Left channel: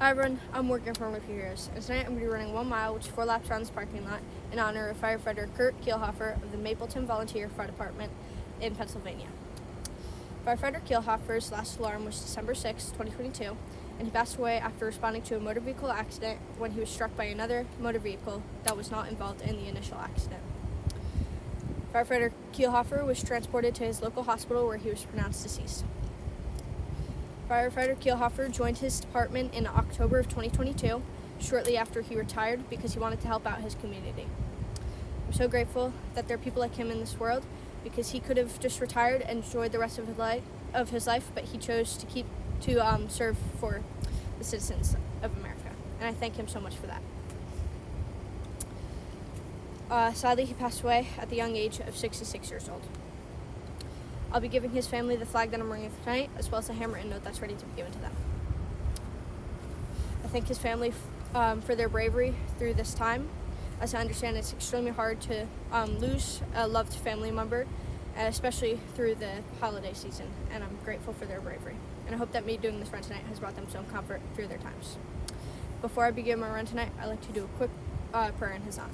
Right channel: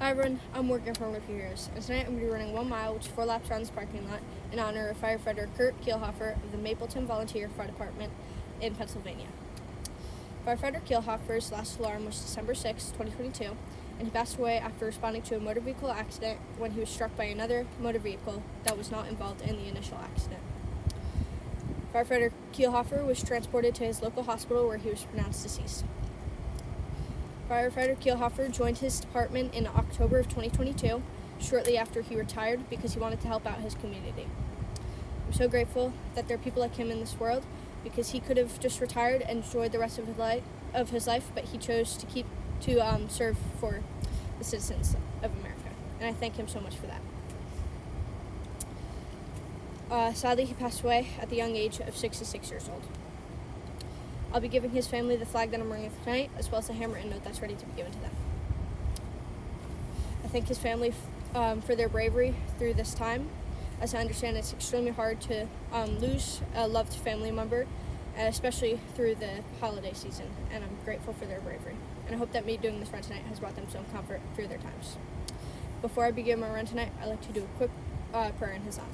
Hi everyone, I'm Morgan from Rookie Heroes, and tonight I'm going to be running 1 mile, which is 4 laps around this parking lot, in honor of Firefighter Keilhofer of the Mapleton Volunteer Fire Department in Pennsylvania. Firefighter Keilhofer's last alarm was December 6, 2022, and he passed away after responding to a motor vehicle accident when he was struck by another motor vehicle that was not involved in the initial accident. Firefighter Keilhofer was transported to his local hospital where he was pronounced deceased. Firefighter Keilhofer joined his department in October of 2022, shortly after he retired because he wanted to help out his community. I'm so grateful that there are people like him in this world because he could have just retired and enjoyed the rest of his life, but he chose to serve for the citizens of America, and I thank him so much for that. Sadly, he passed away at the young age of 66 years old. I'll be giving his family the flag that I'm wearing tonight, as well as a handwritten note that's ready to be given to them. I thank his family for their bravery through this time, as I understand it's extremely hard to lose a loved family member, especially through the holiday season, and I'm grateful for their bravery. And I hope that me doing this run tonight has brought them some comfort through their times. Before I begin my run tonight, I'd like to do a quick prayer in his honor.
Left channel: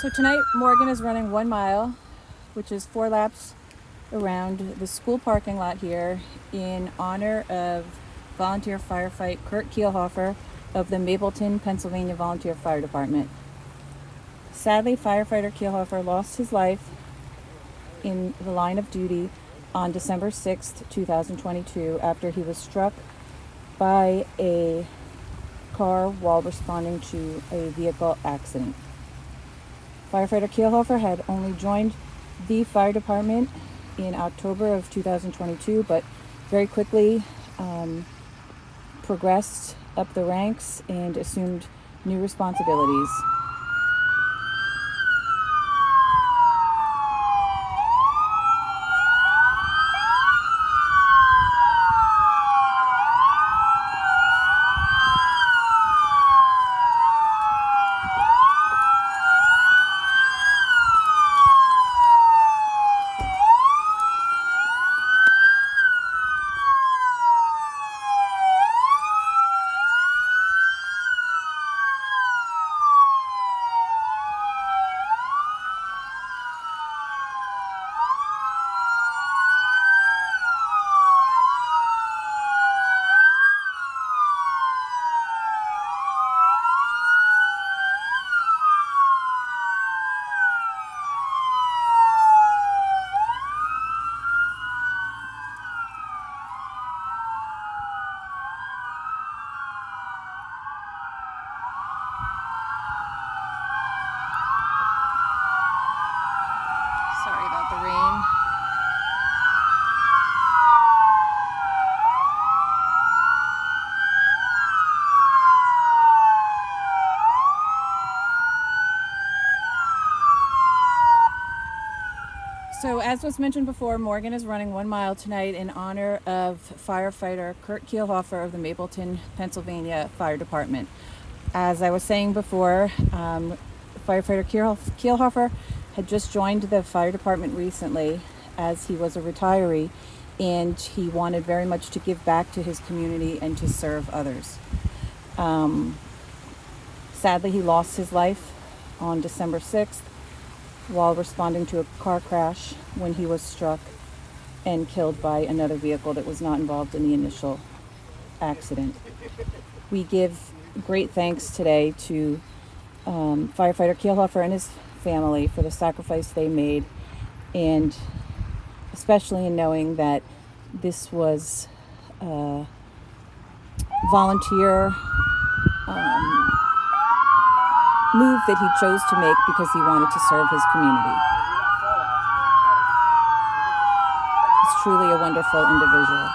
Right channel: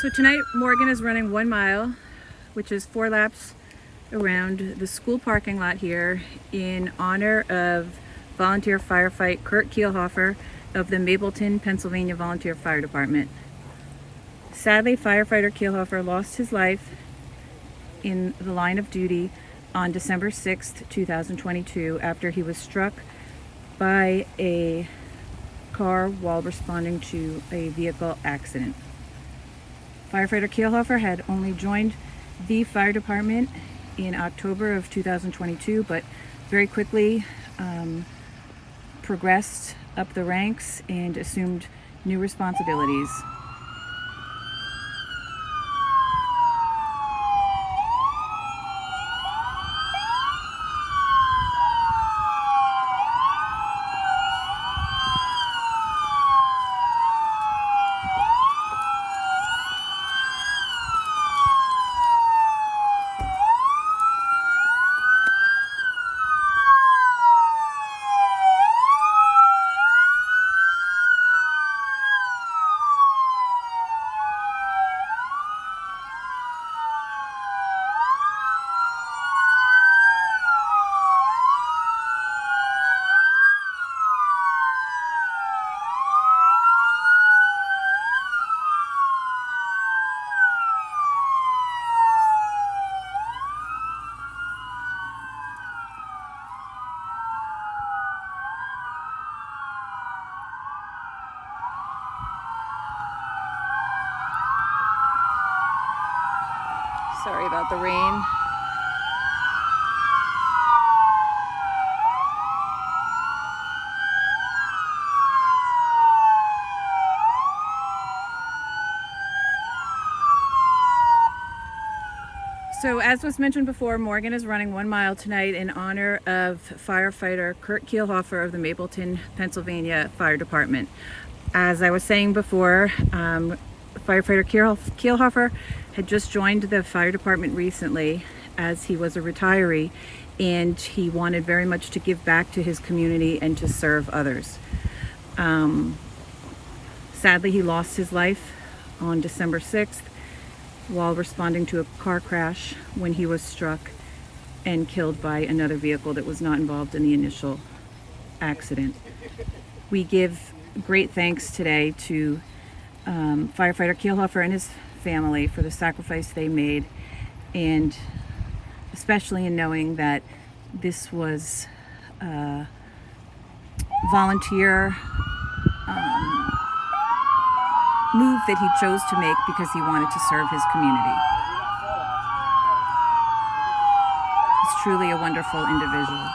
So tonight Morgan is running 1 mile, which is 4 laps around the school parking lot here in honor of volunteer firefighter Keilhofer of the Mapleton, Pennsylvania Volunteer Fire Department. Sadly, firefighter Keilhofer lost his life in the line of duty on December 6th, 2022 after he was struck by a car while responding to a vehicle accident. Firefighter Keilhofer had only joined the fire department in October of 2022, but very quickly progressed up the ranks and assumed new responsibilities. Sorry about the rain. So as was mentioned before, Morgan is running 1 mile tonight in honor of firefighter Keilhofer of the Mapleton, Pennsylvania Fire Department. As I was saying before, firefighter Keilhofer had just joined the fire department recently as he was a retiree, and he wanted very much to give back to his community and to serve others. Sadly, he lost his life on December 6th while responding to a car crash when he was struck and killed by another vehicle that was not involved in the initial accident. We give great thanks today to Firefighter Keilhofer and his family for the sacrifice they made, and especially in knowing that this was a volunteer move that he chose to make because he wanted to serve his community. He's truly a wonderful individual.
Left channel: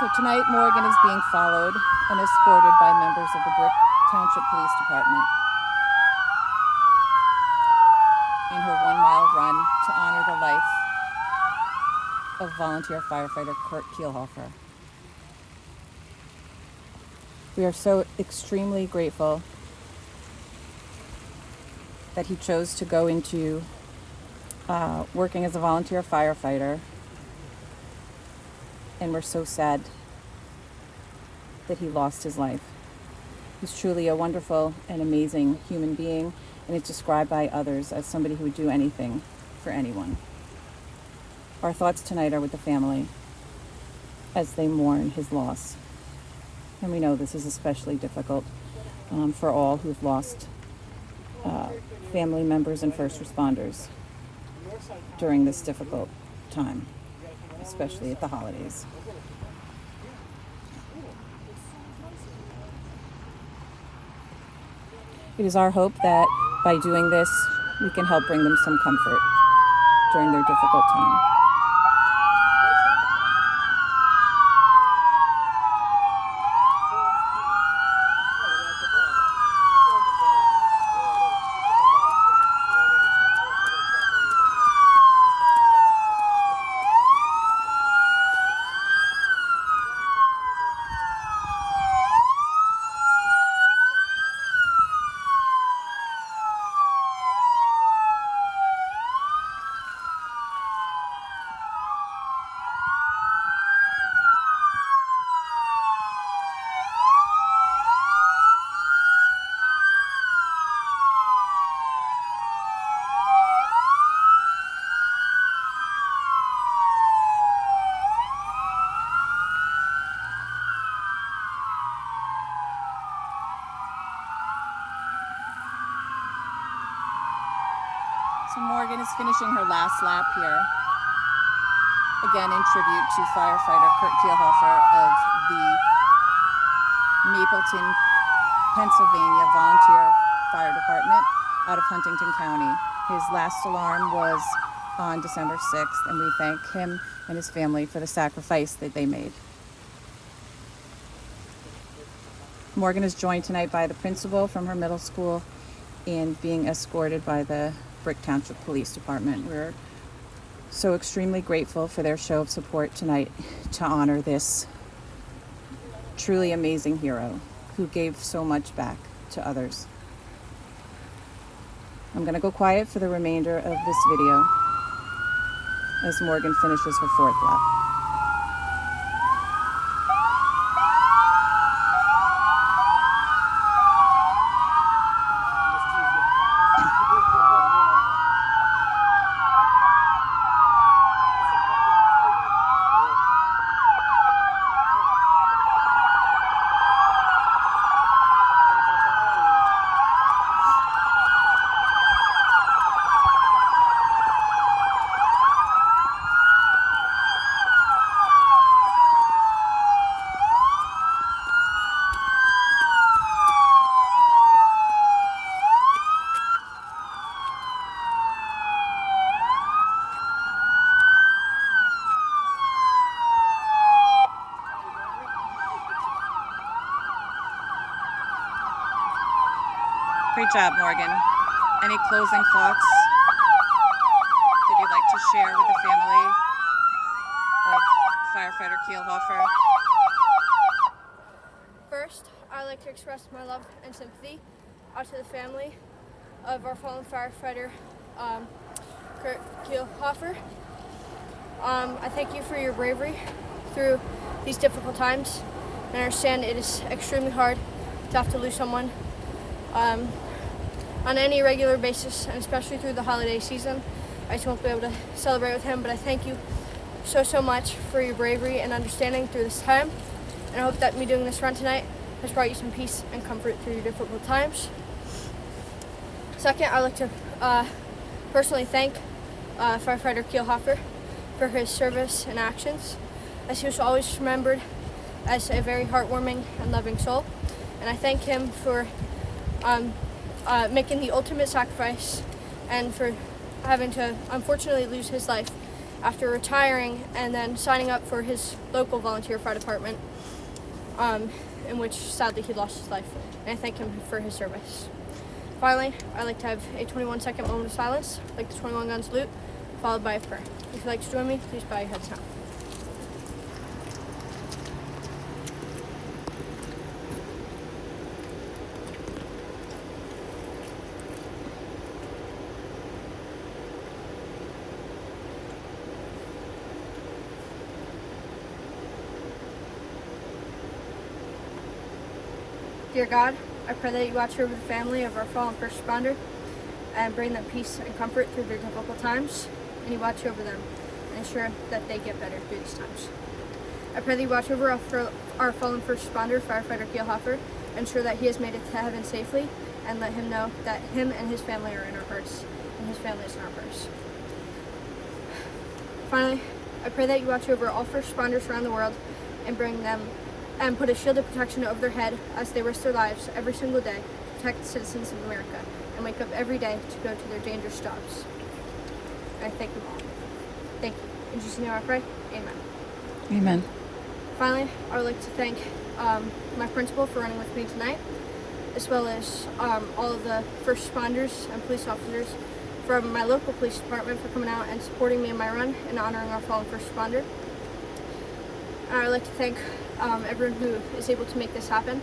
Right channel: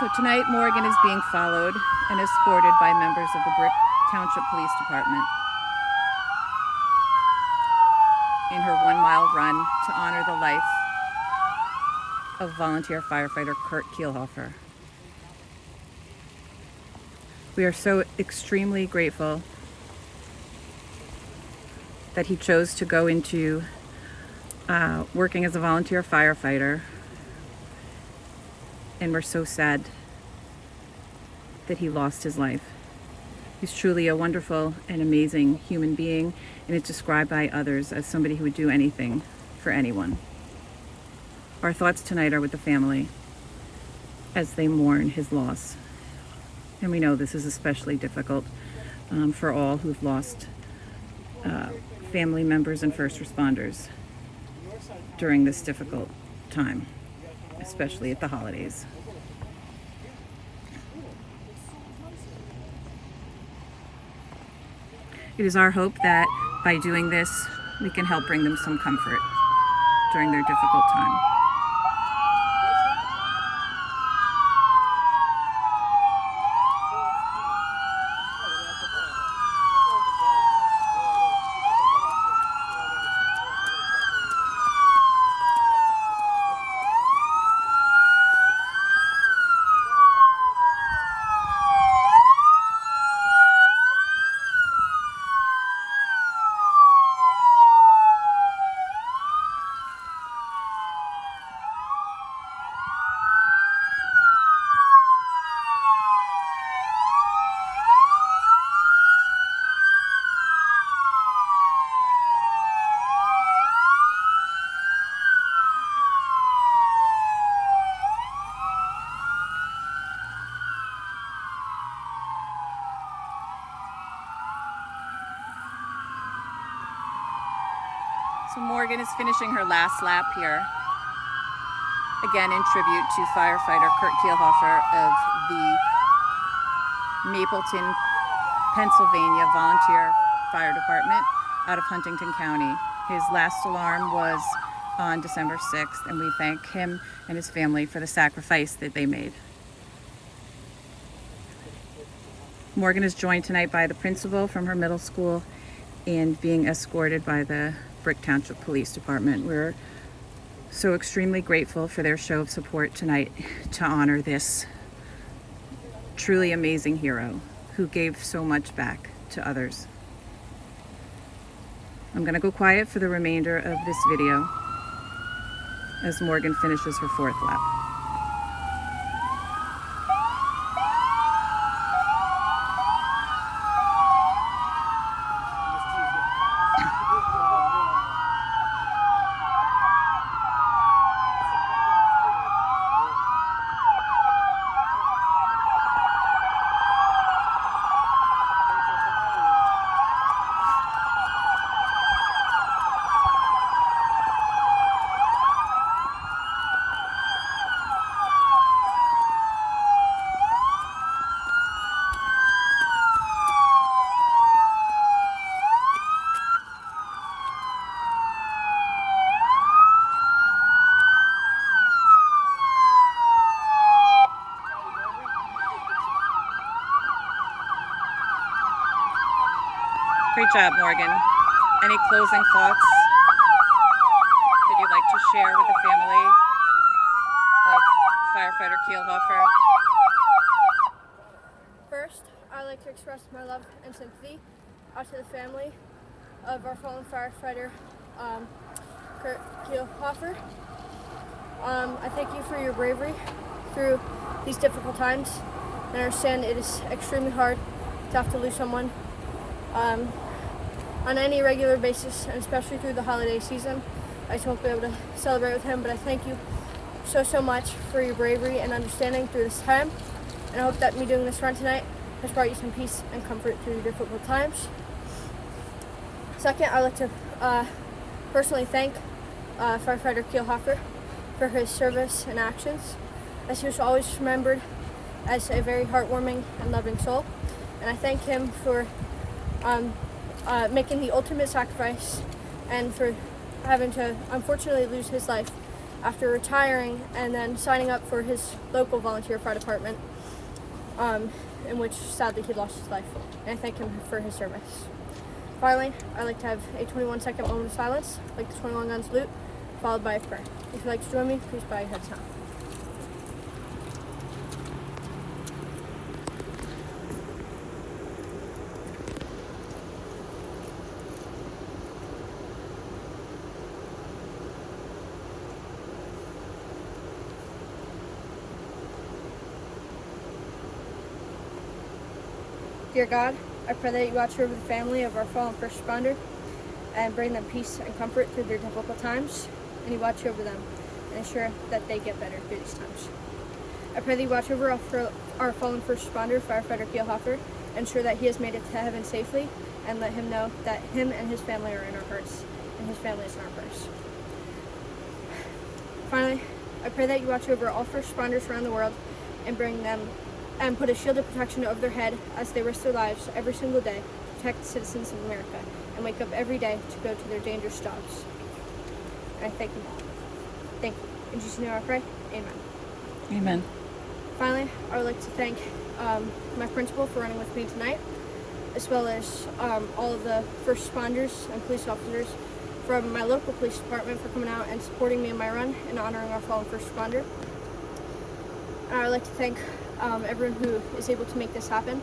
So tonight, Morgan is being followed and escorted by members of the Brick Township Police Department in her 1-mile run to honor the life of volunteer firefighter Kurt Keilhofer. We are so extremely grateful that he chose to go into working as a volunteer firefighter, and we're so sad that he lost his life. He's truly a wonderful and amazing human being, and it's described by others as somebody who would do anything for anyone. Our thoughts tonight are with the family as they mourn his loss. And we know this is especially difficult for all who've lost family members and first responders during this difficult time, especially at the holidays. It is our hope that by doing this, we can help bring them some comfort during their difficult time. So Morgan is finishing her last lap here, again in tribute to firefighter Kurt Keilhofer of the Mapleton, Pennsylvania Volunteer Fire Department out of Huntington County. His last alarm was on December 6th, and we thank him and his family for the sacrifice that they made. Morgan is joined tonight by the principal from her middle school and being escorted by the Brick Township Police Department. We're so extremely grateful for their show of support tonight to honor this truly amazing hero who gave so much back to others. I'm going to go quiet for the remainder of this video as Morgan finishes her 4th lap. Great job, Morgan. Any closing thoughts that you'd like to share with the family of firefighter Keilhofer? First, I'd like to express my love and sympathy out to the family of our fallen firefighter, Kurt Keilhofer. I thank you for your bravery through these difficult times, and I understand it is extremely hard to have to lose someone on any regular basis, and especially through the holiday season. I just won't be able to celebrate with him, but I thank you so much for your bravery and understanding through this time, and I hope that me doing this run tonight has brought you some peace and comfort through your difficult times. Second, I'd like to personally thank firefighter Keilhofer for his service and actions, as he was always remembered as a very heartwarming and loving soul. And I thank him for making the ultimate sacrifice and for having to unfortunately lose his life after retiring and then signing up for his local volunteer fire department, in which sadly he lost his life. And I thank him for his service. Finally, I'd like to have a 21-second moment of silence, like the 21 Gun salute, followed by a prayer. If you'd like to join me, please bow your heads now. Dear God, I pray that you watch over the family of our fallen first responder and bring them peace and comfort through their difficult times, and you watch over them and ensure that they get better through these times. I pray that you watch over our fallen first responder, firefighter Keilhofer, ensure that he has made it to heaven safely, and let him know that him and his family are in our hearts, and his family is in our prayers. Finally, I pray that you watch over all first responders around the world and bring them and put a shield of protection over their head as they risk their lives every single day to protect the citizens of America and wake up every day to go to their dangerous jobs. And I thank them all. Thank you. In Jesus' name I pray. Amen. Amen. Finally, I would like to thank my principal for running with me tonight, as well as all of the first responders and police officers from my local police department for coming out and supporting me in my run and honoring our fallen first responder. And I'd like to thank everyone who is able to make this happen,